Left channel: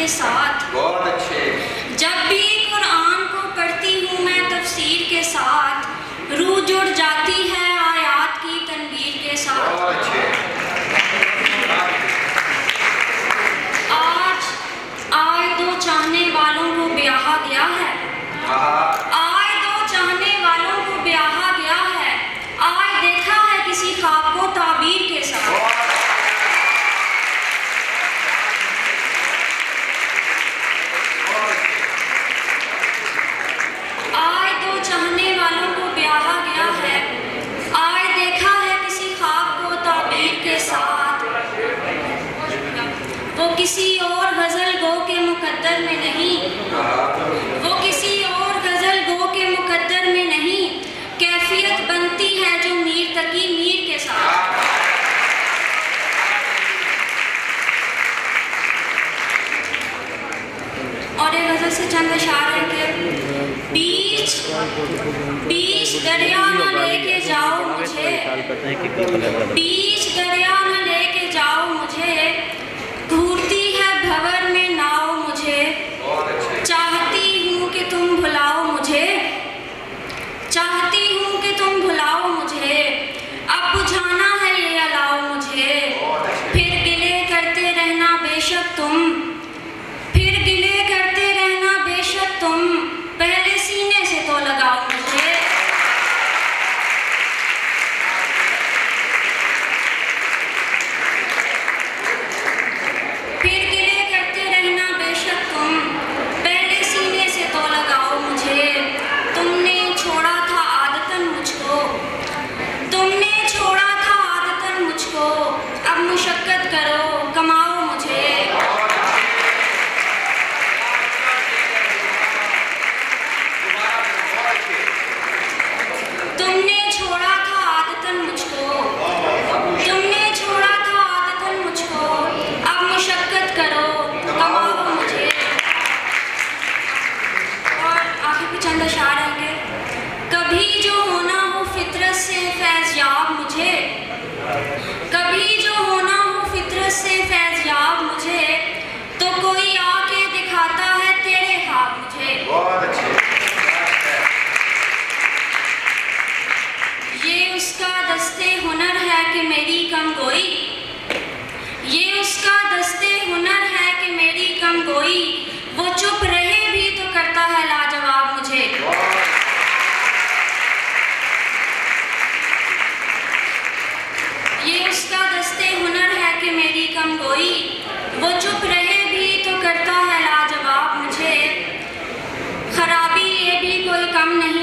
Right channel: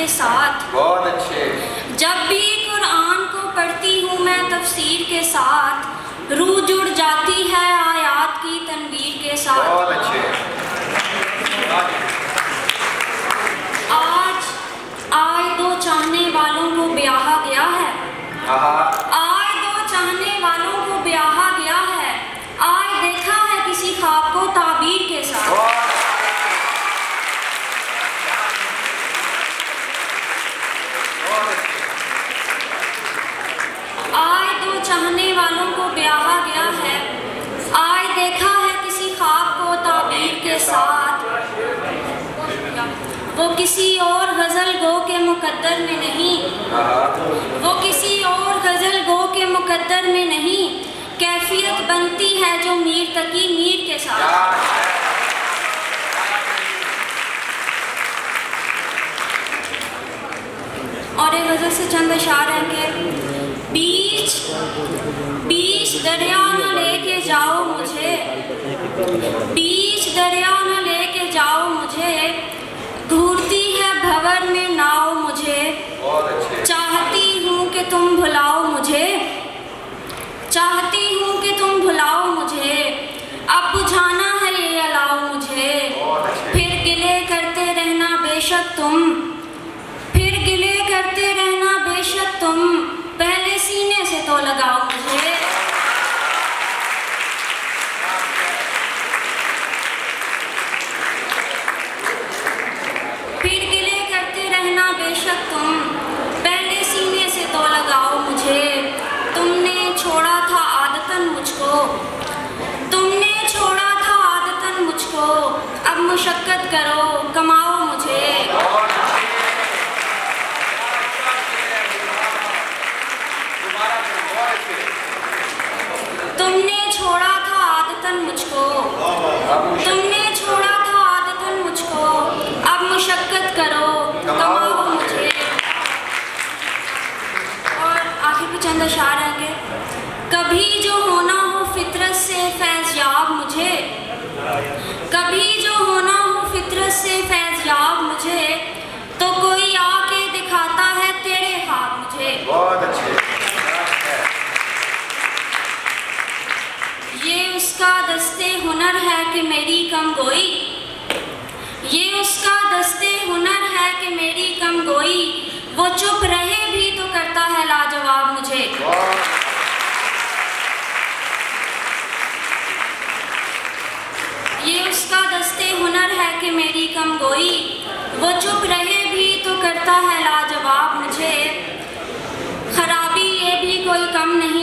के साथ। बहुत अच्छे। जब भी कुरान को पढ़ती हूँ मैं तफसीर के साथ, रूह जुड़ जाती है आयात की तनवीर के साथ। बहुत अच्छे। आज दो चाहने वालों को ब्याहा गया है। आज दो चाहने वालों को ब्याहा गया है। आज देखा है किसी ख्वाब को ताबीर के साथ। आज दो चाहने वालों को ब्याहा गया है। आज देखा है किसी ख्वाब को ताबीर के साथ। वो किसी और गजल गो के मुकद्दर में नहीं, वो किसी और गजल गो के मुकद्दर में नहीं, कैफियत बनती है जो मीर तकी मीर के साथ। और एक गजल से चंद अशार है कि बीच दरिया न लेके जाओ मुझे, बीच दरिया न लेके जाओ मुझे, घूरती है भंवर में नाव मुझे, चाहती हूँ कि तुम भुलाओ मुझे, चाहती हूँ कि तुम भुलाओ मुझे, अब बुझाना है ये अलाओ मुझे, फिर गिले करते रहना बेशक तुम, फिर गिले करते रहना बेशक तुम, पहले सीने से तो लगाओ मुझे। फिर गिले करते रहना बेशक तुम, पहले सीने से तो लगाओ मुझे। तुमने छोड़ा था आदतन मुझको, तुमने छोड़ा था आदतन मुझको, अब मुशक्कत करो कमाओ मुझे। तुमने छोड़ा था आदतन मुझको, तुमने छोड़ा था आदतन मुझको, अब मुशक्कत करो कमाओ मुझे। और आखिर कुछ चंद अशार आएंगे। कभी जो होना हो फितरत से फैज़याब मुझे, कभी जो होना हो फितरत से फैज़याब मुझे, तो कोई आके दिखाता है तेरे ख्वाब मुझे। बहुत अच्छे। ये उसका दस्ते हुनर है कि मेरी कम गोई, ये उसका दस्ते हुनर है कि मेरी कम गोई, वो चुप रहे भी तो करता है लाजवाब मुझे। ये उसका दस्ते हुनर है कि मेरी कम गोई, वो चुप रहे भी तो करता है लाजवाब मुझे। खराबी ये भी कोई कम नहीं